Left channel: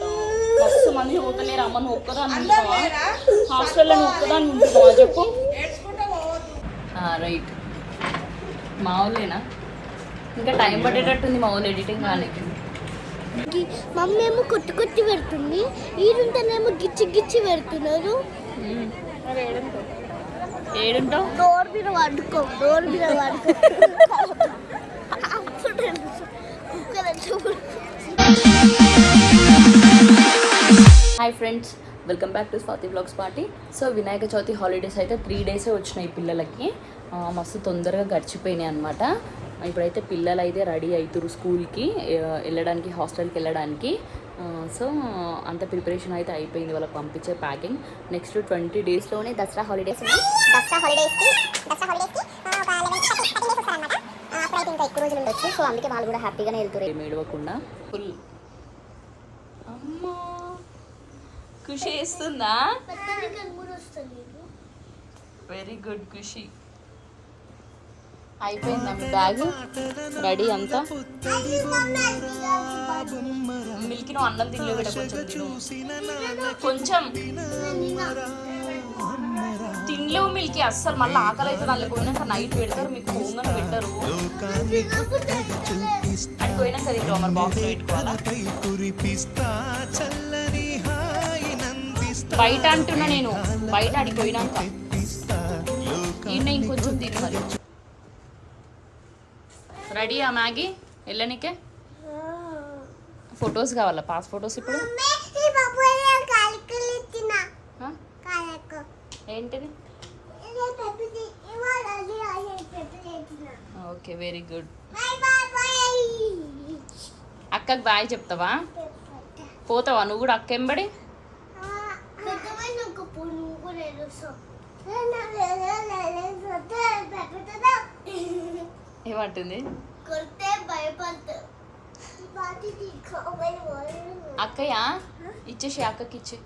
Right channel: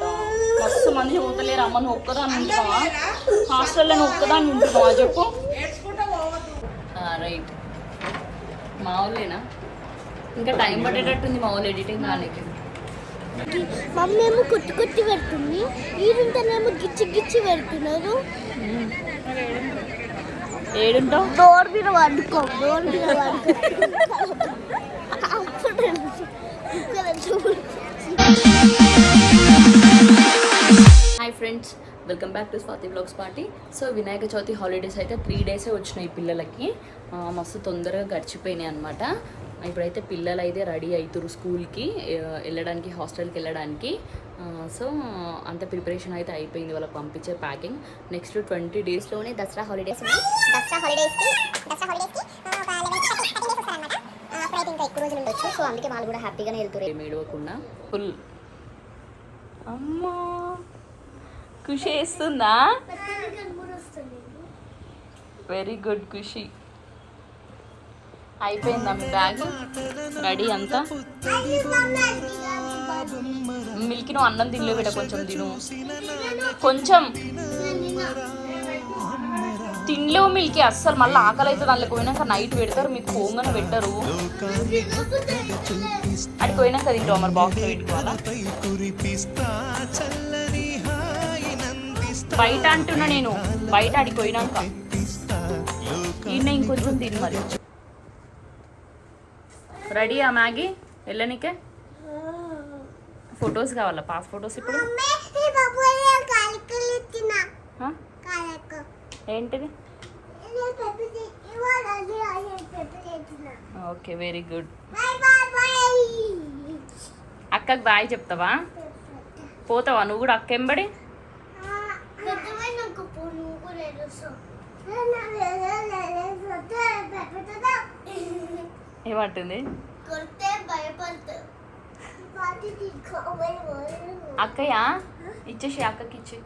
బయట మస్తు మంది చదువుతలేరు. అమ్మ నువ్వు ఒక్కదాన్ని ఉంటావా హాస్టల్లో? నువ్వు ఒక్కదాన్ని ఉంటున్నావా చెప్పు. రైట్ మా వాళ్ళేనా? ఇంకా టైం పట్టేటట్టుంది మా వాళ్ళు ఎడిటింగ్ కానీ. మమ్మీ ఏమో కొత్తి కొత్తి పెడుతుంది, ఈరంతానేమో గిచ్చి గిచ్చి పెడుతున్నారు. ఏడుంటావు? డోర్ మీద పడుకో, డోర్ మీద పడుకో. Hi friends, welcome back to Swathi vlogs party. So Vinayaka Chavithi holidays అయితే 3 డేసే వచ్చినాయి పిల్లలకి. మస్తు తొందరగా గడిచిపోయినాయి అనమాట. ఇప్పుడైతే పిల్లలు అయితే రెడీ అవుతారు స్కూల్కి వెళ్ళడానికి, హాస్టల్కి వెళ్ళడానికి. సో అంత ప్రిపరేషన్ అయితే అయిపోయింది వాళ్ళకి పంపించే ప్యాకింగ్. నెక్స్ట్ 20 డేస్లోనే దసరా హాలిడేస్ ఉన్నాయి. దసరా హాలిడేస్కి అప్పుడైతే ఇంకా ఎక్కువ రోజులు ఉండొచ్చు. సో అందుకే వాళ్ళు కూడా హ్యాపీగానే వెళ్తారు ఏడవకుండా. ఫుల్ అమ్మా ఖుషి వేస్తుందా? వెరీ గుడ్ ఖుషి. అయిపోయిందా మీ బ్యాగ్ రెడీ అంతా? మిల్కి నువ్వు అన్నం తినలే బిడ్డ, కొంచెం తిను. కొంచెం తినలేవు మిల్కి అస్సలు. మళ్ళీ ఆకలి అవుతుంది. అందులో పోయినాక నైట్ పెడతారు, మీకు హోంగానే పెట్టరు. అది పోయినాక తింటావు మరి బాక్స్ పెట్టుకోవాలా? బయట అంటున్నా నేను, బయట అడిగి పోయినాక ఈయన ఇంకొంచెం తిని మరి. రెడీయా మ్యాగీ వెళ్ళనికే? ఫొటోస్ కావాలా? పాస్ ఫొటోస్ ఇప్పుడు ఏంటిది? Okay very good. అక్కకి బాయ్ చెప్తావా? పోతావా నువ్వు కూడా అక్క ఎంబడి? ఏమంటుంది? అక్కయ్య ఇచ్చేసి, అక్కకి ఇచ్చి.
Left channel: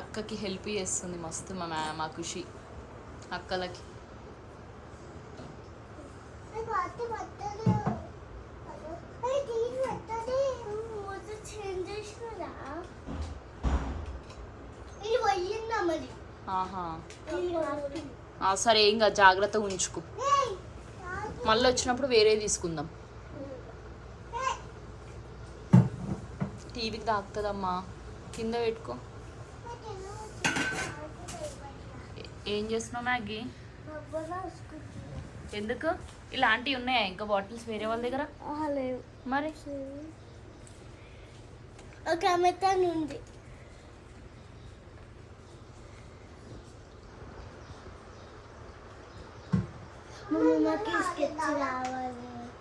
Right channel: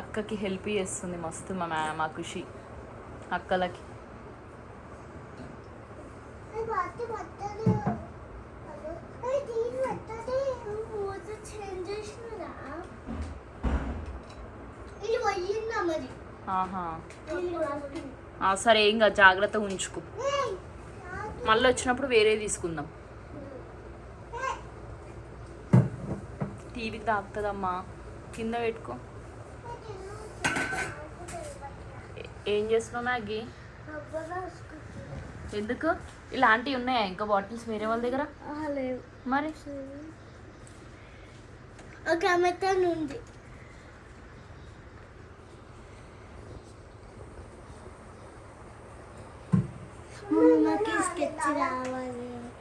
అక్కకి హెల్ప్ చేస్తుంది మస్తు మా ఖుషి అక్కలకి. సరే ఏం కాదు, జాగ్రత్తగా ఉంచుకో. మళ్ళీ వచ్చినప్పుడు వేరే తీసుకుందాం. టీవీకి తాకుతుందమ్మా, కింద పెట్టుకో. ఏం చేస్తున్నావు మ్యాగీ? ఎందుకు? ఇలాంటివి ఉన్నాయా ఇంకా బాటిల్స్ వేరే వాళ్ళ దగ్గర? మరి ఒక మెత్తన్ ఉంది.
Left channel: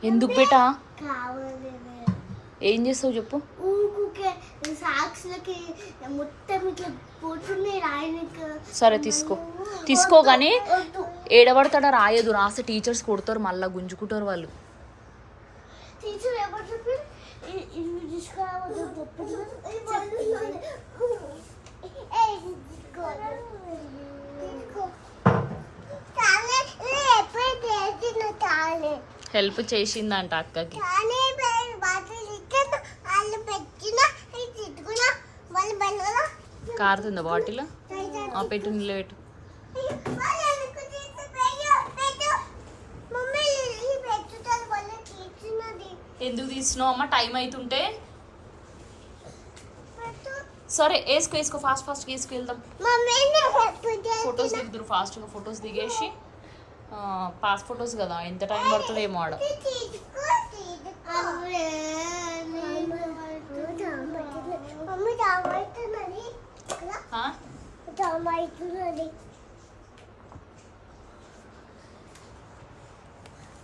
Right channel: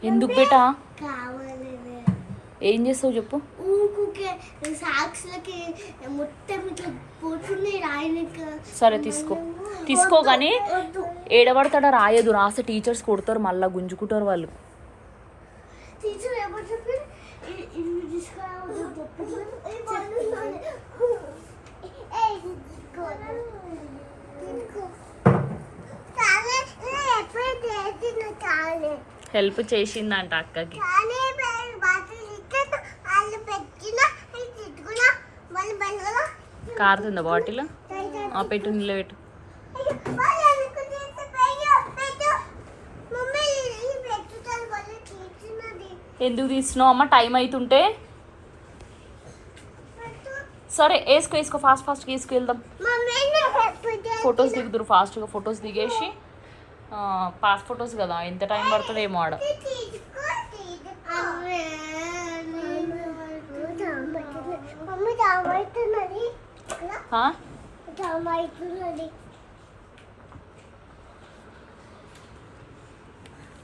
ఎందుకు బేటా? ఏం చేస్తావు చెప్పు. సరే తీసుకో కానీ ఏడబడతాడా? రాయదు, రాస్తే టీచర్స్ కొడతారు, మళ్ళీ గుంజుకుంటారు వాళ్ళు. హెల్ప్ చేసిందంట అక్కకి. కారుతుందా బాటిల్? పెట్టు, నీళ్ళు పెట్టు. ఎందుకు తీసినావు అమ్మ? టైం అవుతుంటే. సరే వేసుకో, ఫాస్ట్గా వేసుకువెళ్దాం. ఫొటోస్ దిగుదురు ఫాస్ట్గా. ఫొటోస్ దిగేసి పాస్ ఫొటోస్ కదా, ఎంత టైం పడుతుందో ఏమో ఆడ.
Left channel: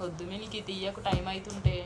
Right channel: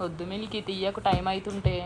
వద్దు మిల్కి, తీయకు టైం అవుతుంటే.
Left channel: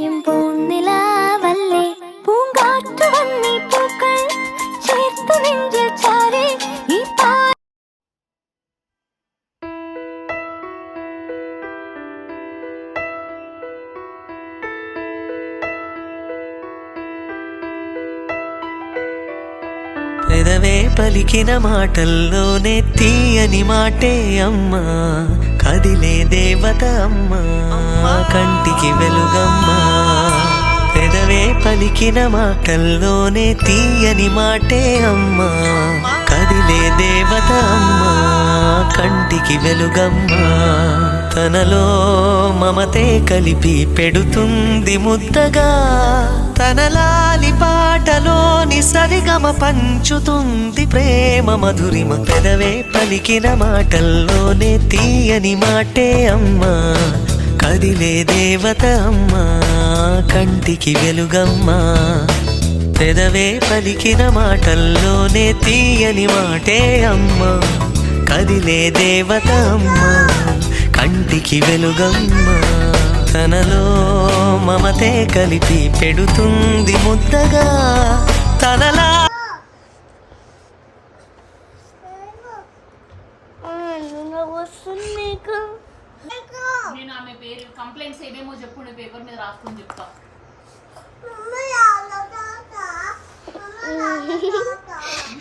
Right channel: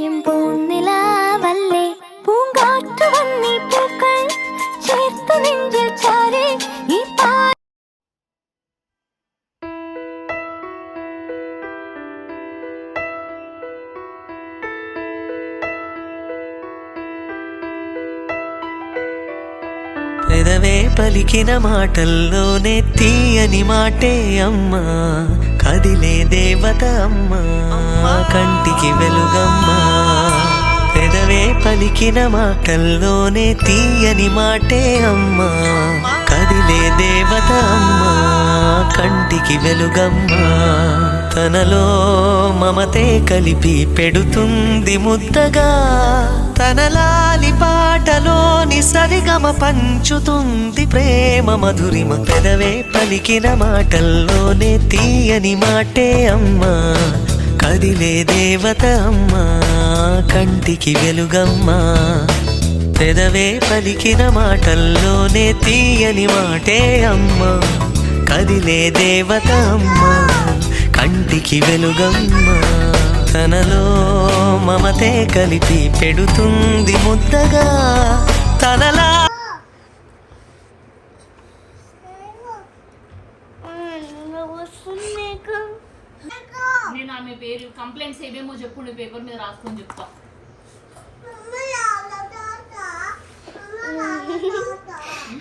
അണയും പൂനിലാവല്ലേ പൂങ്കാറ്റു വന്നീ പൂക്കൾ ചേർത്തു നെഞ്ചിൽ ചാരി ഈ పెదవే పలికిన మాటల్లోనే తీయని మాటే అమ్మా కదిలే దేవత అమ్మా కంటికి వెలుగమ్మా పెదవే పలికిన మాటల్లోనే తీయని మాటే అమ్మా కదిలే దేవత అమ్మా కంటికి వెలుగమ్మా తనలో మమతే కలిపి పెడుతుంది ముద్దగా తనలాలి పాటలోని సరిగమ పంచుతుంది ప్రేమ మధురిమ పెదవే పలికిన మాటల్లోనే తీయని మాటే అమ్మా కదిలే దేవత అమ్మా కంటికి వెలుగమ్మా పెదవే పలికిన మాటల్లోనే తీయని మాటే అమ్మా కదిలే దేవత అమ్మా కంటికి వెలుగమ్మా తనలో మమతే కలిపి పెడుతుంది ముద్దగా తనలా నేను ఆమె పేరు కంప్లైంట్స్ ఏమేమో చెప్పు నీ పేపర్ మీద రాసుకొని చెప్తా.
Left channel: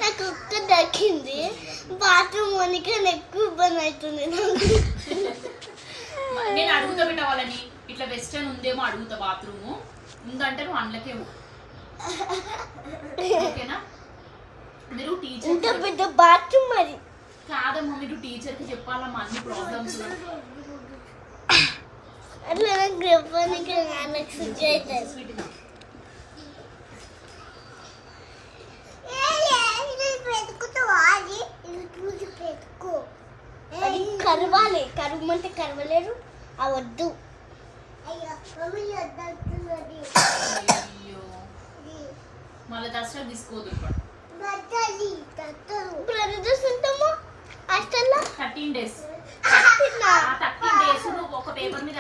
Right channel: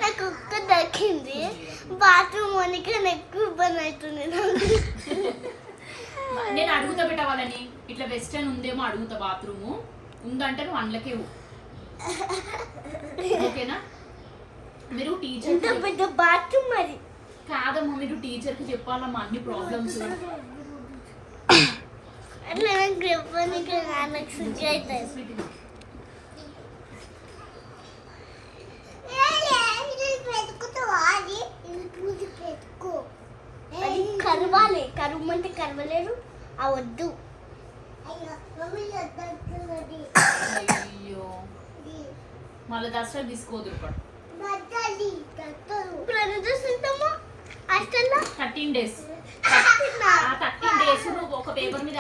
నాకు ఒక్క దక్కింది బాత్రూమ్ వనికి ఎక్కువ ఇబ్బంది అవుతుంది. నేను అడుగుతా పెట్టవాలని ఇట్లా వెస్టర్న్ ఉందేమో అడుగుతా. బాత్రూము ఉందంటే నువ్వు అందులోకే ఓకేనా? మీరు టీచర్ పెద్ద బాత్రూమ్ మరి కాదమ్మా, మీరు టీచర్కి చెప్పాలమ్మా అన్ని ప్రాబ్లమ్స్. అట్లా నాకు చెప్పడానికి నాకు సిగ్గు అవుతుంది. కరవాలి కరుమంటే కరవలేరు అవద్దు. అయ్యో మళ్ళీ దసరా తీసుకోదు. ఇప్పుడు 13 days. ఆ 13 days నువ్వు ఒక పేపర్ మీద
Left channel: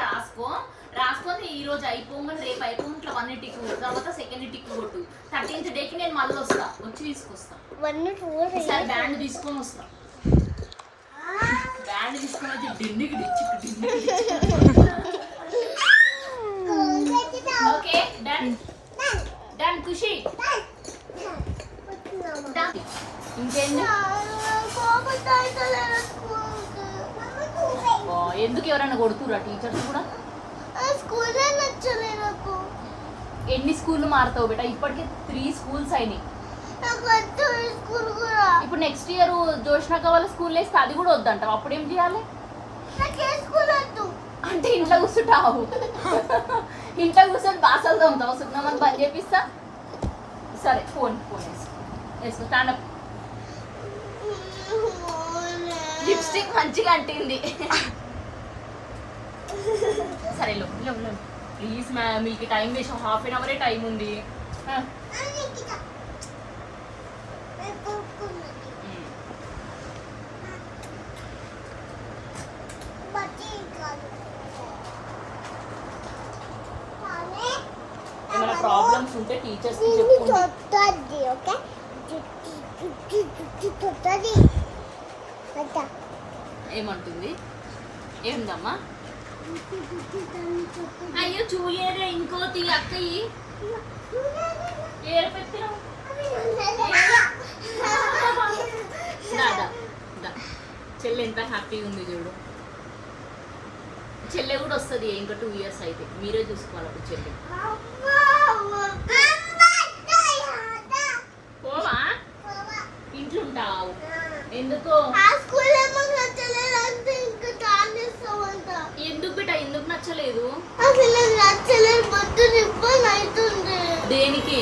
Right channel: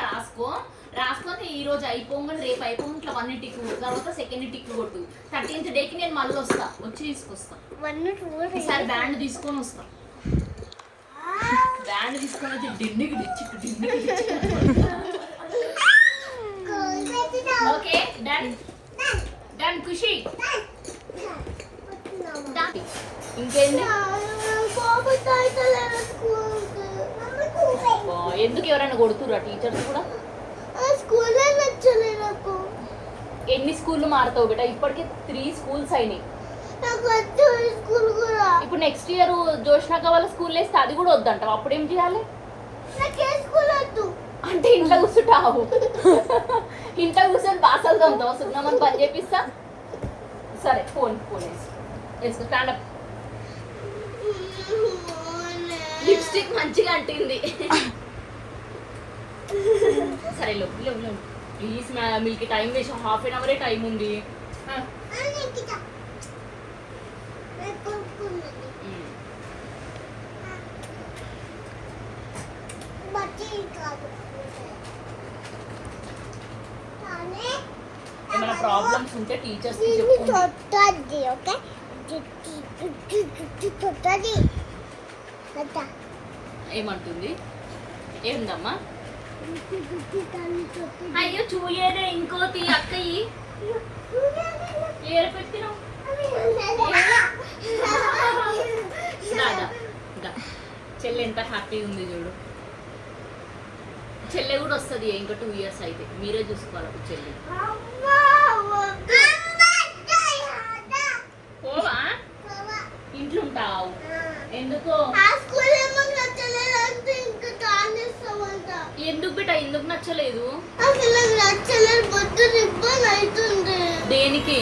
రాసుకొని ఈ రోజు అయిపోగానే రేపు అయిపోయి ఇట్లా 1 టిక్ తర్వాత 2nd టిక్ కొట్టు. 13th డేకి నేను మళ్ళీ వచ్చి తీసుకొస్తా. ఈసారి బ్యాండ్ తీసుకొని వస్తా. బ్యాండ్ తీసుకొని వచ్చి డిండికి ఓకే డన్ డన్ ఖుషి. ఇంకేంటి ఎందుకు ఎవరైనా కొడుతురా టీచర్స్ కూడా? ఎన్ని స్కూళ్ళు మారుతావు బేటా? ఇప్పటికి 3 schools అయినాయి. ఇప్పుడు నెక్స్ట్ ఇయర్ జోష్నాక వాళ్ళ స్కూల్ వేస్తే అది కూడా వద్దంటావు. అప్పుడేం చేయాలి? అంటే ఇంట్లో కూర్చుంటావు. ఇంట్లో కూర్చొని బాసలు తోముతావు. సున్నామని పని చేపిస్తా. సరే ఫోన్ వేసుకో. స్టాండప్. లిప్స్టిక్ మంచిగా అంటింది. సరే లో ప్లీజ్ మీకు టైం వేసి 1/2 hour టైం ఉంది. ఏమైనా ప్రాబ్లమ్స్ ఉంటే టీచర్స్ కి చెప్పండి. ఏమంటుంది? ఏముందమ్మా? అయ్యో చూయరే ఇంకోటి అక్కయ్యి ఏరపెట్టినావు. చెల్లె ఎంత హ్యాపీ ఉంది చూడు. చెల్లె కూడా వస్తుంది ఇంకా 2 years అయితే. మీరే చూసుకోవాలి అప్పుడు చెల్లె. పోవా? ఇంట్లో ఉంటావు ఎందుకు? ఎందుకు బిడ్డ ఎందుకు నచ్చలేదు? దేనికి?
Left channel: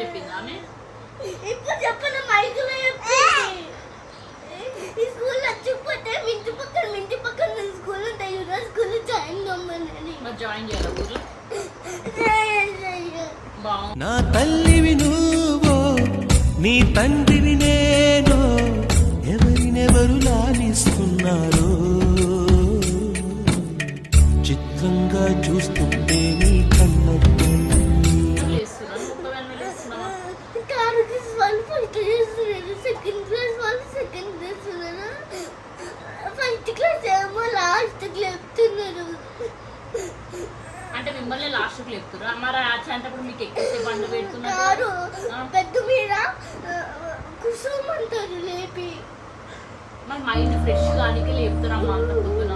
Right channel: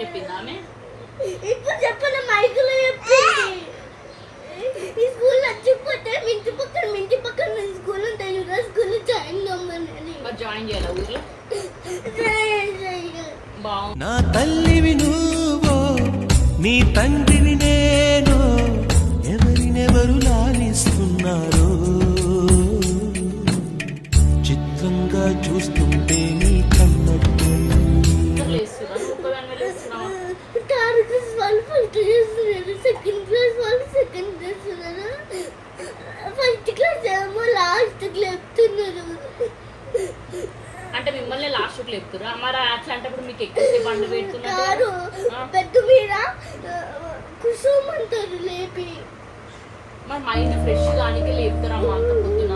చెప్పింది ఆమె. ఇప్పుడు చెప్పండి మైకులో చెప్పింది. ఈ స్కూల్ నచ్చకపోతే మింటి పక్కన స్కూల్ ఉంటాయి కదా, స్కూల్ జాయిన్ అవ్వమని. మరి జాయిన్ చేయాలి ఊర్లో. బాగుంది. నా తల్లివి నువ్వో నీ తండ్రిని నేను ఎవరినెవరు లాలిస్తున్నారో చిత్రంగా చూస్తుంటే నీ కన్నట్టు థర్డ్ క్లాస్ వాళ్ళు ఫస్ట్ చేస్తున్నారు, సెకండ్ క్లాస్ వాళ్ళు సెకండ్ చేస్తున్నారు, ఫస్ట్ క్లాస్ ఏమో లాస్ట్ లేపుతున్నారు. అంటే మిమ్మల్ని లాస్ట్ లేపుతురా? మరి అట్లాంటప్పుడు మీకు ఎక్కువసేపు బండి పెడుతున్నారు. పెద్ద మీద కుసోమంటారు లేపి. మరి మైండ్ ఫ్రెష్ గానికి లేపుతారమ్మా అంత పొద్దున.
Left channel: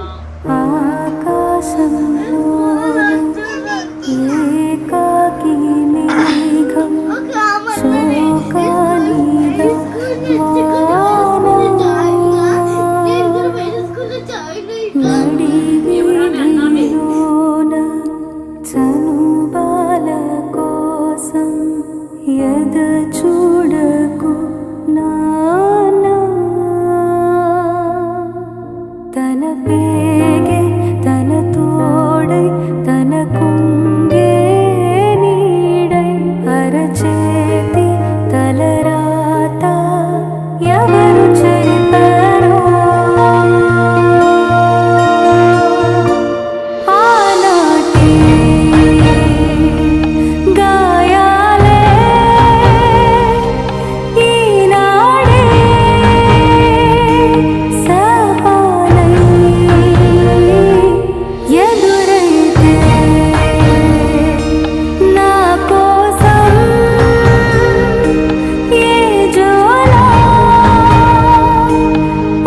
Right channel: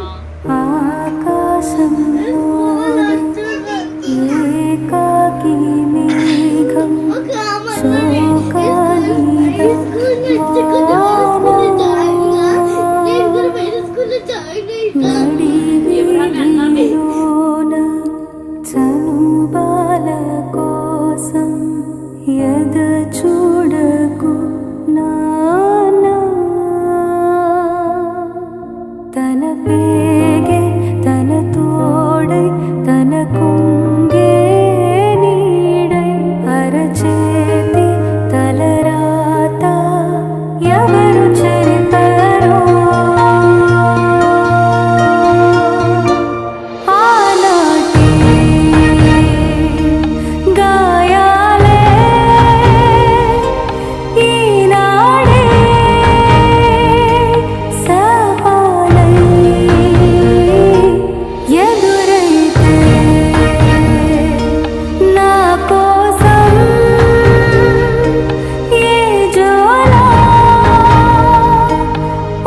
ఆకాశంలో ఏకాకి మేఘం శోకానిద నడివీధిలోన చనుబాల కోసం ఎద చూడకు నానా తన పేగే తన తోడై తన కుంగే నీడై అరచేతి తలరాత ఎవరు చెరిపారో ఆనాటి గాయాలే ఈనాడే సవాలై ఎదురైతే నా కోసం ఏ జోలా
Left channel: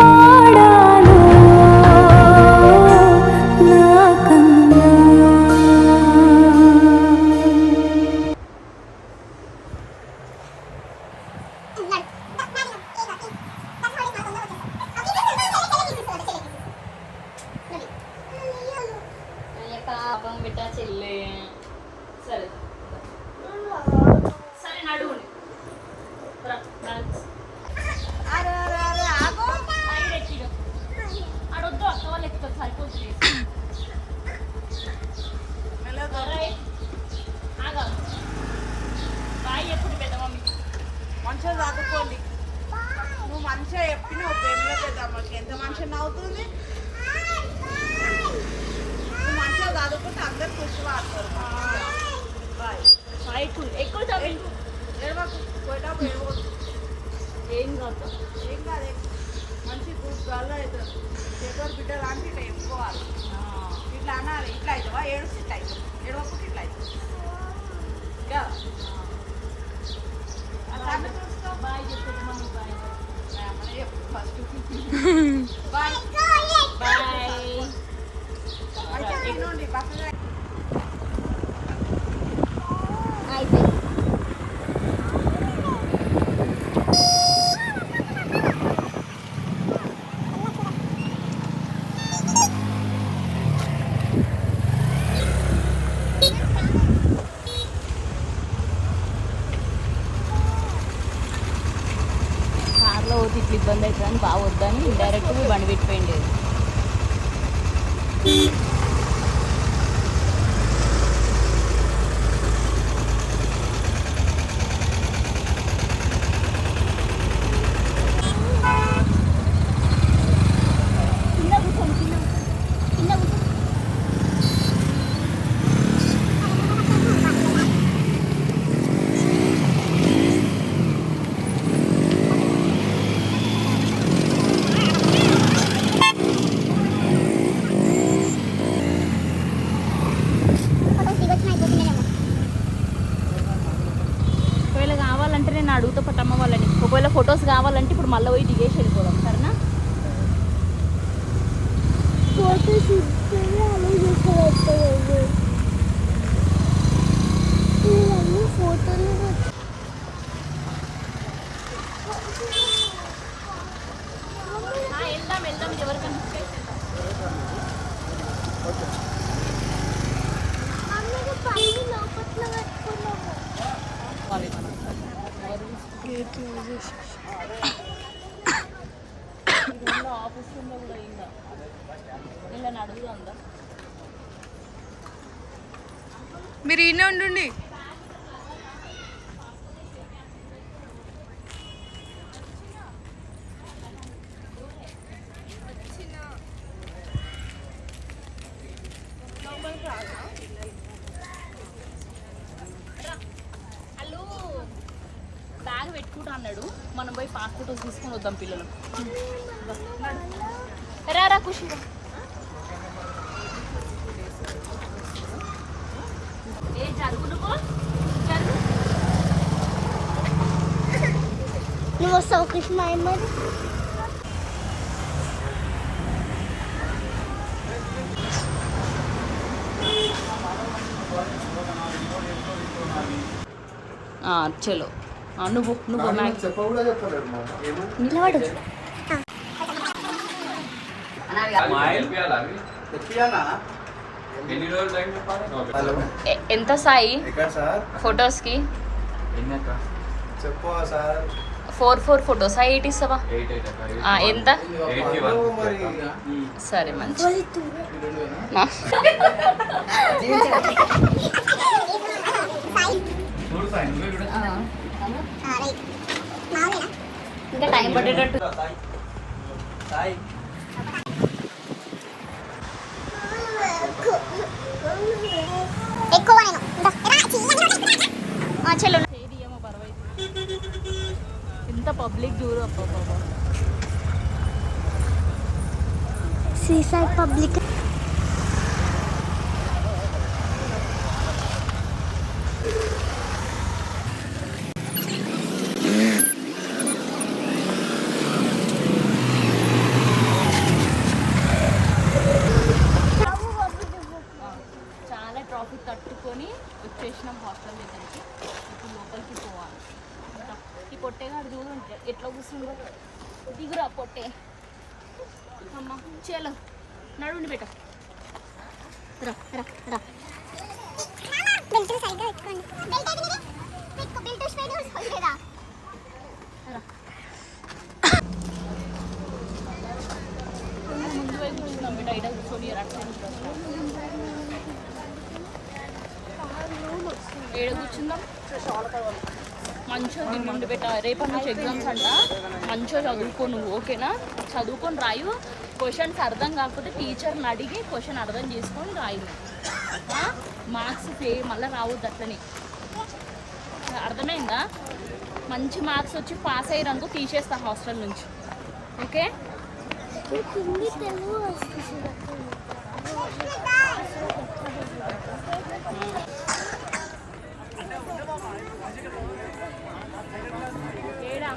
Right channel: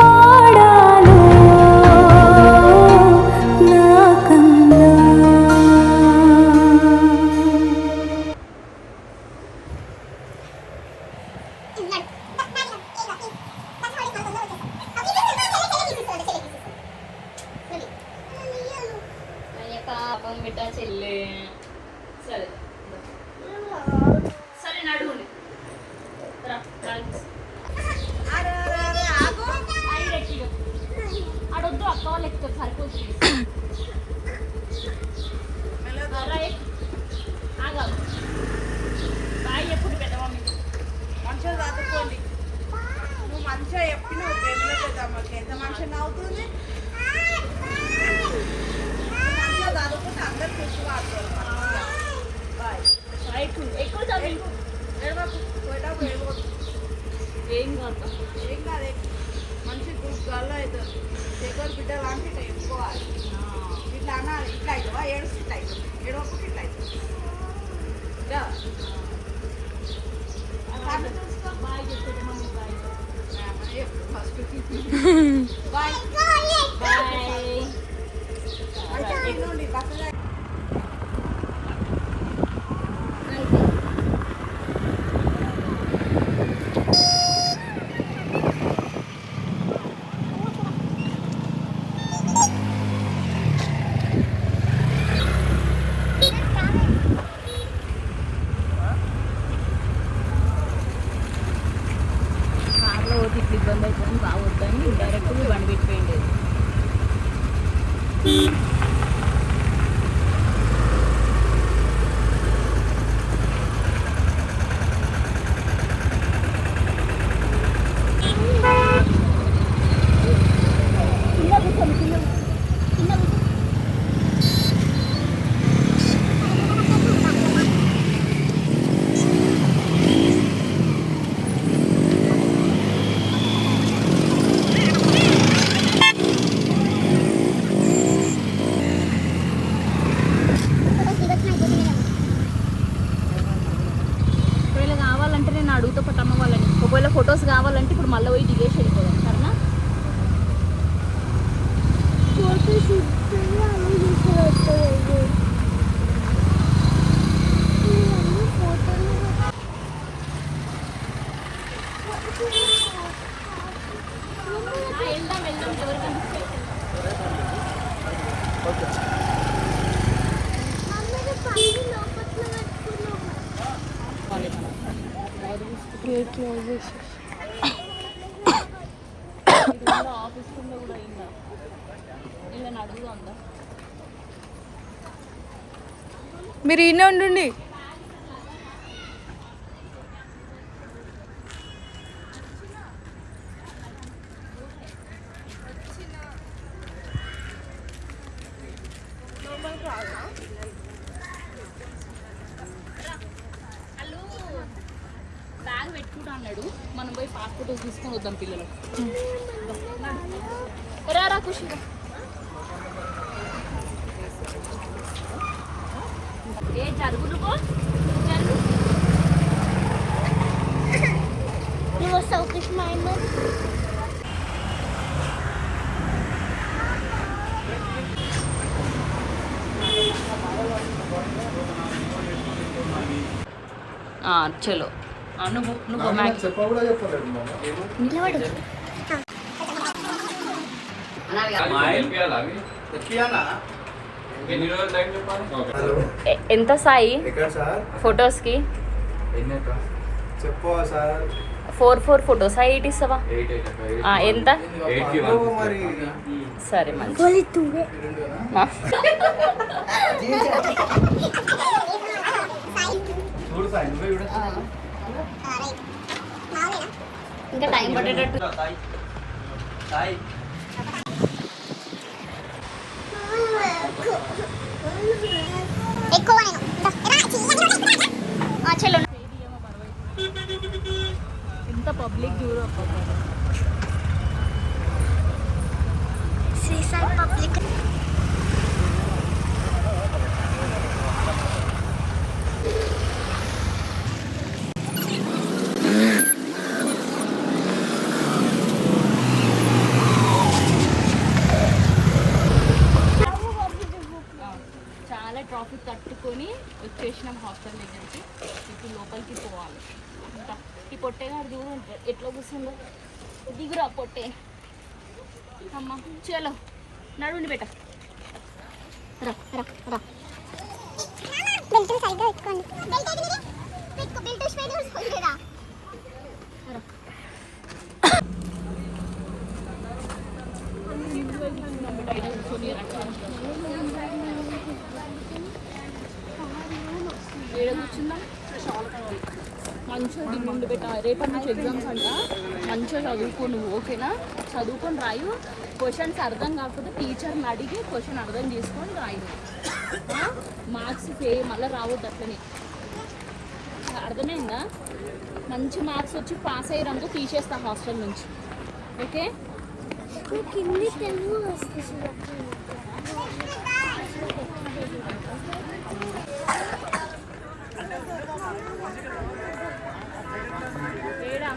పాడాలో నాకన్నా పాపం బిడ్డ చెల్లె. సరే సరే నడువుని అడొద్దు, అక్క వాళ్ళు ఎక్కుతారు సరిపోతుంది. ఆగాలి బాయ్ ఎప్పుడు పెద్ద మమ్మీ. మంచిగా చదువుకోండి. నువ్వు మంచిగా చెప్పినావు పెళ్ళిలో పెద్దమ్మకి ఎంత మంచిగా నవ్వుతుంది. మంచిగా చదువుకుంటే అందరు ఖుషి పడతారు. ఎక్కువ ఎక్కువ చదివి ఏడవకు, పోయేటప్పుడు ఏడవద్దు. ఏం కాదు. ఏం కాదు, మంచి గుడ్ గర్ల్ అవుతుంది. దగ్గర బిడ్డ లాంటి ఇట్లా చెప్పుకోవాలి. ఇట్లా అనాలి, ఇట్లా అవుతావా ఏడుస్తూ ఇట్లా అవుతావు, ఏడవకుండా ఇట్లా అవుతుంది. బాయ్ చెప్పేది mummy. Bye first bye bye. తినండి పక్కన. కార్లో పోతే ఇట్లా ఇబ్బంది అవుతుందని బాగా వద్దని డైరెక్ట్ బండి పెట్టిపోయింది. ఒకవేళ కావాలంటే నేను అడుగుతా పట్టమ్మ వాళ్ళని. ఒకవేళ ఫొటోస్ కావాలంటే ఇప్పుడు మళ్ళీ పోయి దిగేసి వెళ్ళిపోదాం సరేనా? ఫోటోస్ ఇస్తే అలా చేస్తారు. ఫోటోలు వెళ్దాం వెళ్దాం ఎవరికైనా వెళ్దాం. ఆఫీస్ రూమ్లో కూడా అయిందా? ఇలా అడుగుదా? మీరు ఈయనే ఉండండి. వాళ్ళు బ్యాగ్ పెట్టుకుంటా అన్నాడు, మనం పోయి పాస్పోర్ట్ తీసుకొని వద్దాం పిల్లలకు. రా ఖుషి. ఏ జరుగు నువ్వు జరుగు. నువ్వు వస్తావు కృష్ణ అమ్మ. చలో నువ్వు నిలబడు. ఎంత సాయి ఫొటోస్కి? చెప్పు సార్. 4 ఫొటోస్ 8 ఇస్తావా? ఎంత? సరే మంచి. ఇంకా టైం పట్టేటట్టు. చలో. ఇంత పబ్లిక్ దూరం శ్రీశైలం పబ్లిక్. చాలా ట్రాఫిక్ తట్టుకొని వచ్చేసినాం హాస్టల్ దగ్గరికి. ఇప్పుడు లోపలికి పోవాలి. ఇంకా ఈ పొట్టేగాడు చూడు ఎట్లా కూర్చుందో. దిగురా పొట్టే. అమ్మ చలో నడుండి బెట. ఏడు కూర్చుందాం. మంచిగా దిగుండి పెట్ట. రేపటి నుంచి ఎగ్జామ్స్ అంట. మంచిగా చదువుకో నువ్వు, ఓకేనా? చదువుకొని రాయు. క్వశ్చన్స్ అర్థం కాకపోతే టీచర్ని అడిగి క్వశ్చన్ అర్థం చేసుకొని రాయు. మార్క్స్ మళ్ళీ రావద్దు అట్లనే, అర్థమైందా? మంచి మార్క్స్ వచ్చి పాస్ అయ్యారనుకో తీసేస్తా హాస్టల్ నుంచి, ఓకే? ఏడా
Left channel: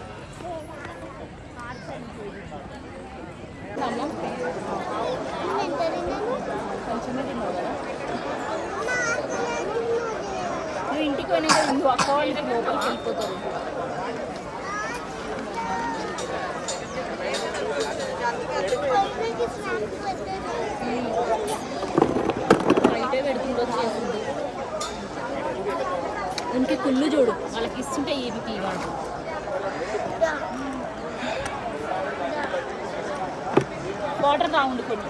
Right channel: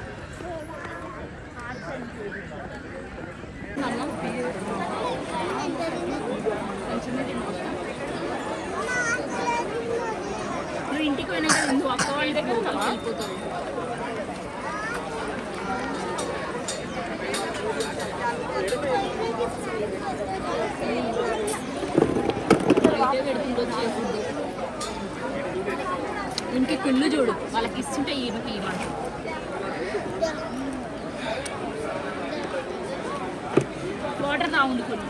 అన్నం కొంచెమే తిన్నావు కదా. నువ్వు ఇంటికి పోయినాక నువ్వు అక్క వాళ్ళ దగ్గర వెళ్ళిపోతావు. బయటే పెడుతుండో ఫుడ్. ఇంటికి కుళ్ళు చూడు, వాళ్ళకి ఇస్తుంటే ఈమెకి ఇవ్వాలి. వాటర్ రావుండి కొన్ని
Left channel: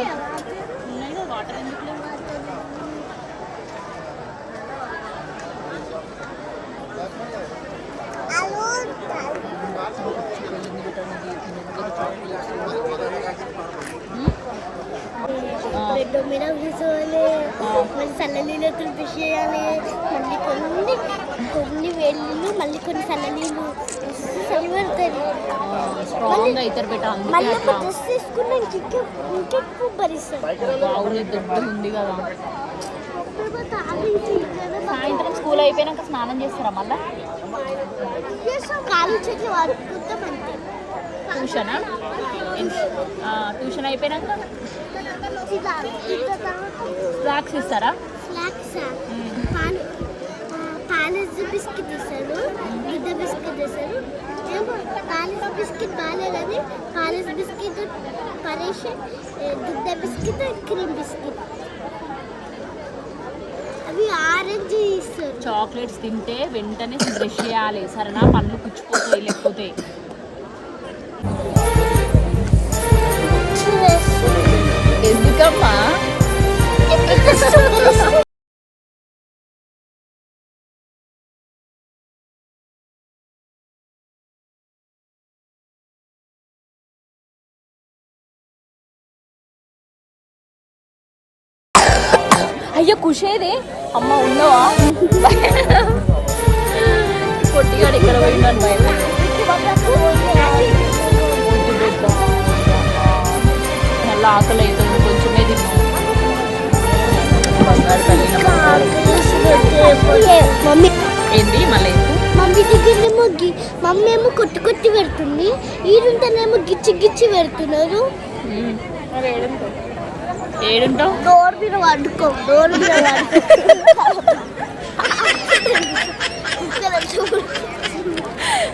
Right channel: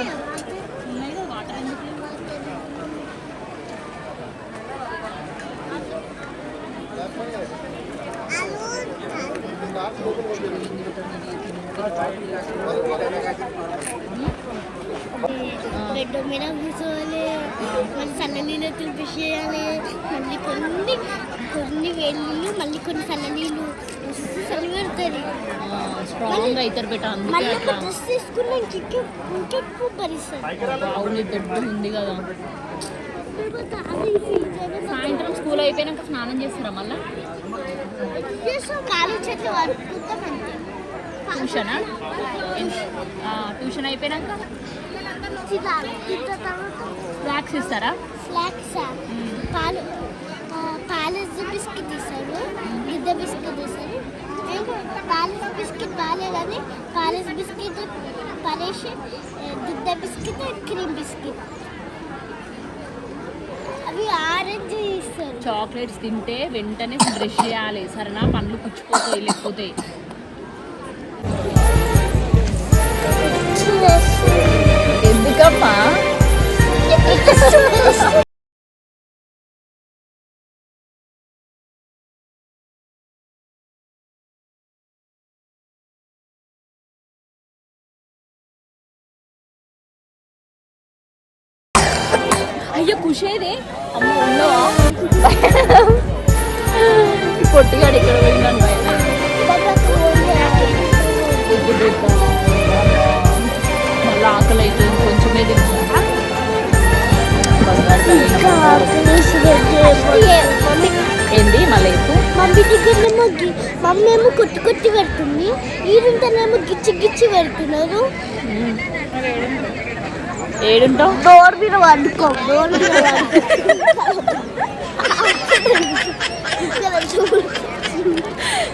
ఏమన్నా ఉన్నాయి కదా, వాటర్ ఎందుకు లేవు? బెడ్ మీద కూర్చోవాలి, మళ్ళీ చల్లనీళ్ళు తినిపించేయాలి, మళ్ళీ కొన్ని వేళ్ళు, మళ్ళీ కొన్ని చల్లనీళ్ళు చలి పడుతుంది. స్ట్రాంగ్ అవుతారు బెట, అందుకే అట్లా. డ్రెస్ తీసుకున్నా ఇంకెక్కువ భరిస్తుంది. అవును దొడ్డు ఉంది కదా. సాయంత్రం స్కూల్ అయిపోయినాక స్నానం చేస్తారా మళ్ళా? ఖాళీ చెట్లు వరుకుంటాం. ట్యూషనా? ట్యూషన్ అయిపోయినాక స్నాక్స్ ఇస్తారా? స్నాక్స్ పాలు బిస్కెట్ ఇస్తారు, దుద్ద బిస్కెట్ ఇస్తారు. ఏమో పాలు బిస్కెట్ బాగాలేదని పాలు బిస్కెట్ పరేసి దుద్ద బిస్కెట్ క్రీమ్ బిస్కెట్ అవి ఆరెంజ్ ఇస్తారు. చేస్తారు. చాక్లెట్స్ తింటే వెంటనే బ్రష్ చేయాలి సరేనా, పళ్ళు పుచ్చిపోతాయి లేకపోతే. ఎందుకమ్మా? అయ్యో ఖుషేది అమ్మ ఉండవా? పొట్టుగాడు ఇక్కడ పోయిందని మళ్ళీ ఆకలి అవుతుంది, కొంచెమే తిన్నాను. బంగారు తల్లి ఏంది మళ్ళీ మమ్మీ దగ్గరేమో మమ్మీ ఏమో కొత్తి కొత్తి పెడుతుంది, ఈడుంటేనేమో గిచ్చి గిచ్చి పెడుతున్నారు. ఏడుంటావు? డోర్ మీద వండుకో, డోర్ మీద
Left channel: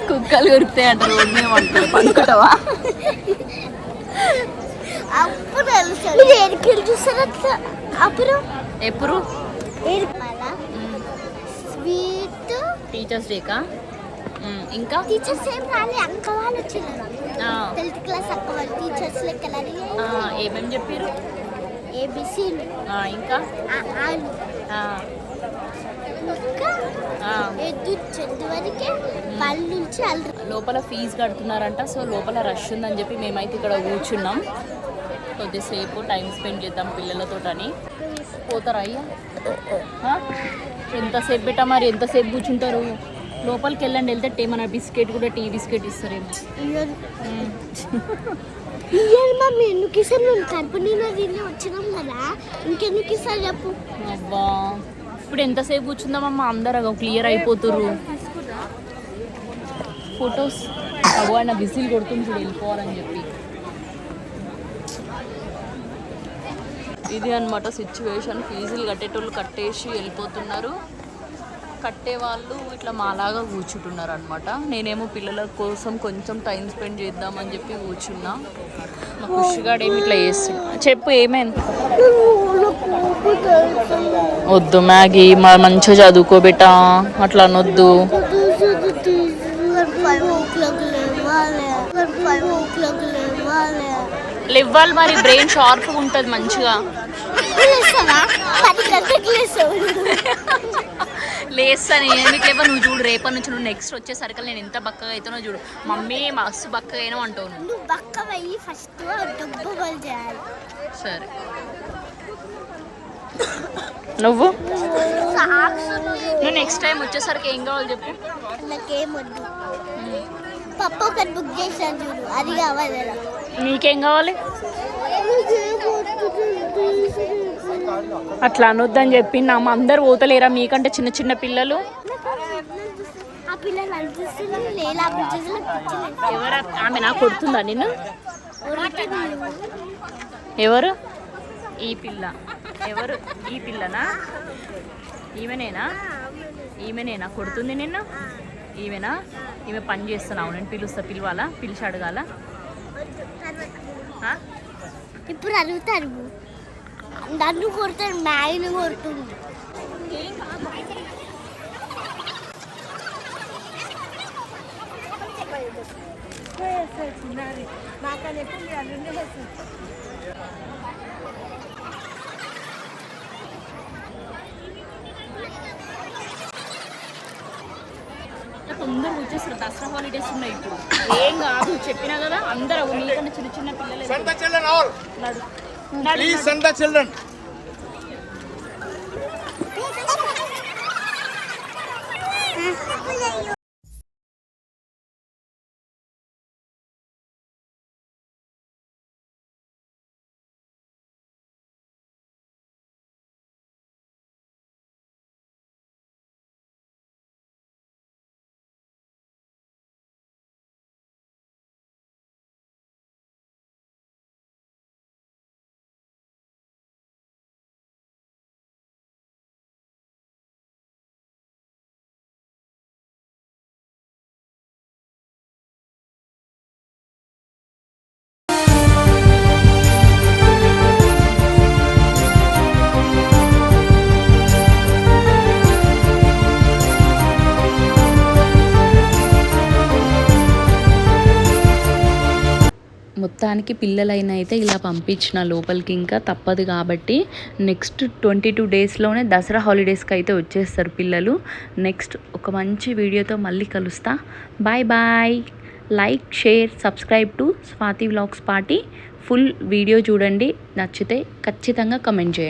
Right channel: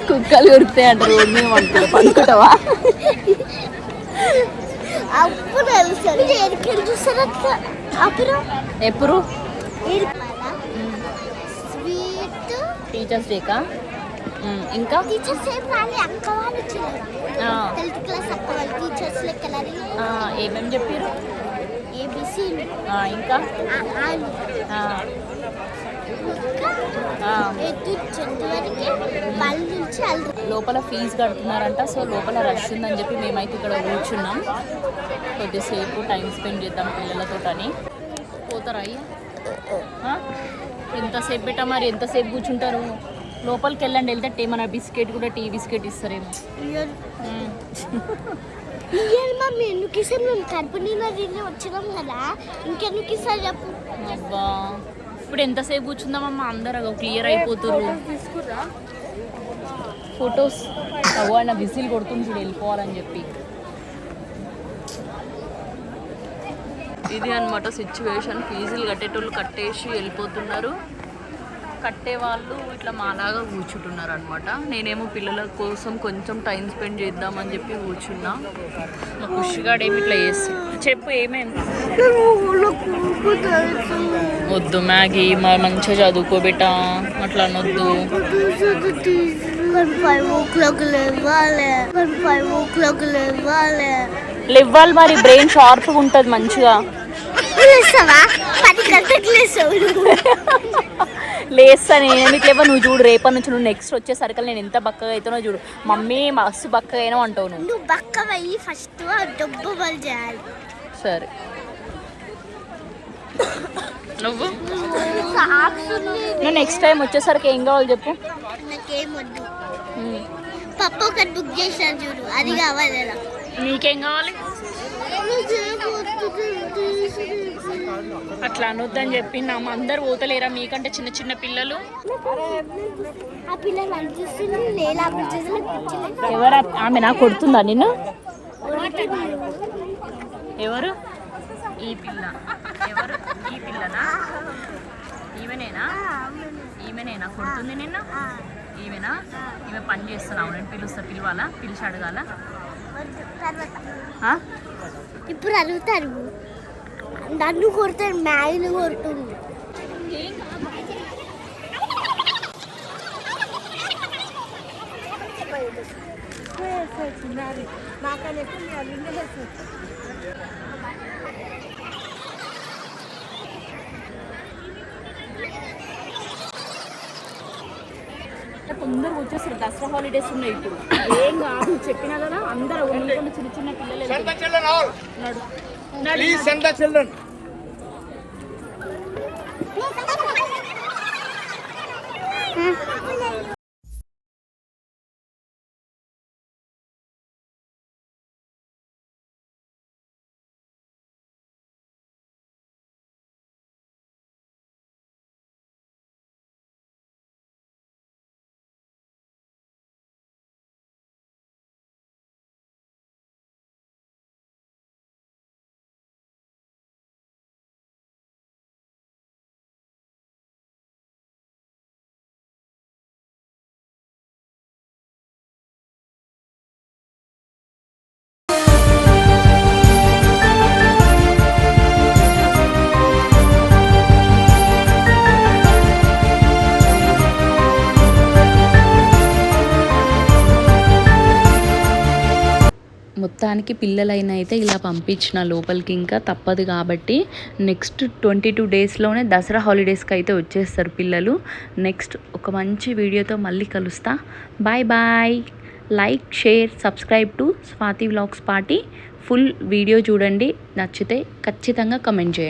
కుక్కలు కొరితే అంట రోడ్డు మీద వండుకో, పడుకుంటావా? అప్పుడు తెలుస్తుంది చూస్తారు అట్లా. అప్పుడు ఎప్పుడు స్వీట్ టీచర్స్ డేకా? ఇంకా టీచర్స్ ఏం రాని, అక్క వాళ్ళు వచ్చినారు. 10th క్లాస్ అక్క వాళ్ళు టీచర్స్ లెక్క ఏమేమి చెప్పారు? ఏబిసి ఇంకా లోపల ఫీజు కడుతున్నారంట, సో లోపల రష్ ఉందని చెప్పి మేమైతే ఇక్కడ కూర్చున్నాం. కొద్దిసేపు టైం స్పెండ్ చేద్దాం పిల్లలతోటని. పోతారా అయ్యా? ఎంతసేపు పెట్టా మరి, ఎంతసేపు కూర్చుంటారు? లోపలికి వెళ్ళండి, వెళ్తే మన బిస్కెట్ కూడా టీ బిస్కెట్ ఇస్తారేమో. మమ్మీ ఎందుకు ఇస్తారు? మేము కడుపు నిండా తిని వచ్చినాం కదా, ఇంకెందుకు ఇస్తారు చెప్పు. అబ్బా ఇప్పుడు ఎంతసేపు కూర్చుందామమ్మా, అందరూ క్లియర్ అయిపోతుర్రు. ఫొటోస్ అవ్వ ఆయన విజిల్ కొడుతుంది చూడు వెళ్ళిపోవాలని చెప్పి. ఇది అనమాట సిచ్యువేషన్. ఫీజులు కట్టేటోళ్ళు కట్టేసి వెళ్ళిపోతున్నారు, కట్టేవాళ్ళు ఇట్లా మాలాగా కూర్చుంటున్నారు అనమాట. నేనేమో పిల్లల కోసం కొంచెం టైం స్పెండ్ చేద్దామని చెప్పి కూర్చున్నా. మా ఖుషిగాడు ఏమి ఇట్లా చేస్తున్నా. చెప్పు ఏమైంది? వద్దు మ్యాగీ, మా మంచిగా చదువుకోబెట్టా, అట్లా అనొద్దు. లేవ్వాలి మరి, బ్రెయిన్ షార్ప్గా ఉంటుంది మంచిగా. లేస్తాను నేను లేవా? నువ్వు చూడు, రేపటి నుంచి నువ్వు నెక్స్ట్ వచ్చేసరికి నేను ఎంత బక్కగా అవుతానో చూడు. మమ్మీ మస్తు బక్కగా అయినా అంటావు నువ్వు. నువ్వు బక్క అయ్యి ఫస్ట్ డబ్బు వాళ్ళు చేయాలి. సరే నువ్వు నెక్స్ట్ టైం వచ్చేసరికి ఏం కావాలి చెప్పు. నాకేం వద్దు, పప్ప ఒకటి బుక్ చేశాను చూడు, అది కావాలి. నీకేం కావాలి? అట్లా అనొద్దని చెప్పి నా అందరు పోతలేరా మీకంటే చిన్న చిన్న పిల్లలు? ఆ పిల్లలు అనిపిస్తుంది లేదా? ఎవరు ఆమె నాకు కొడుతుందా నిన్ను? ఎవరు ఈ పిల్ల? ఎవరు ఈ పిల్లనా? ఈమెనేనా? ఈమెనేనా కొడుతుంది నిన్ను? ఈమెనా? ఈమె పని చేస్తున్నావు, నేను పిలుస్తా. పిలవాలా? పిలిచి అడగాల? ఇప్పుడు అడుగుతారు, నన్ను కొడతారు, మ్యాగీని కొడుతుంది. తొందరగా వచ్చేస్తారు, దసరా హాలిడేస్ ఉన్నాయి ఇప్పుడు. ఏం కాదు చెప్పినా కదా, అందరూ మీకన్నా చిన్న చిన్న పిల్లలు నడు నడు. మొత్తానికి పిల్లలైన అయితే ఇలా పంపించిన లోపలికి, ఇంకా తప్పదు కాబట్టి నెక్స్ట్ 22 డేస్లోనే దసరా హాలిడేస్కి అయితే వచ్చేస్తారు పిల్లలు. నెక్స్ట్ ఒక మంచి వీడియోతో మళ్ళీ కలుస్తా. Bye bye. Like, share, subscribe to Swathi vlogs party. Full video చూడండి, నచ్చితే ఖచ్చితంగా కమెంట్ చేయండి.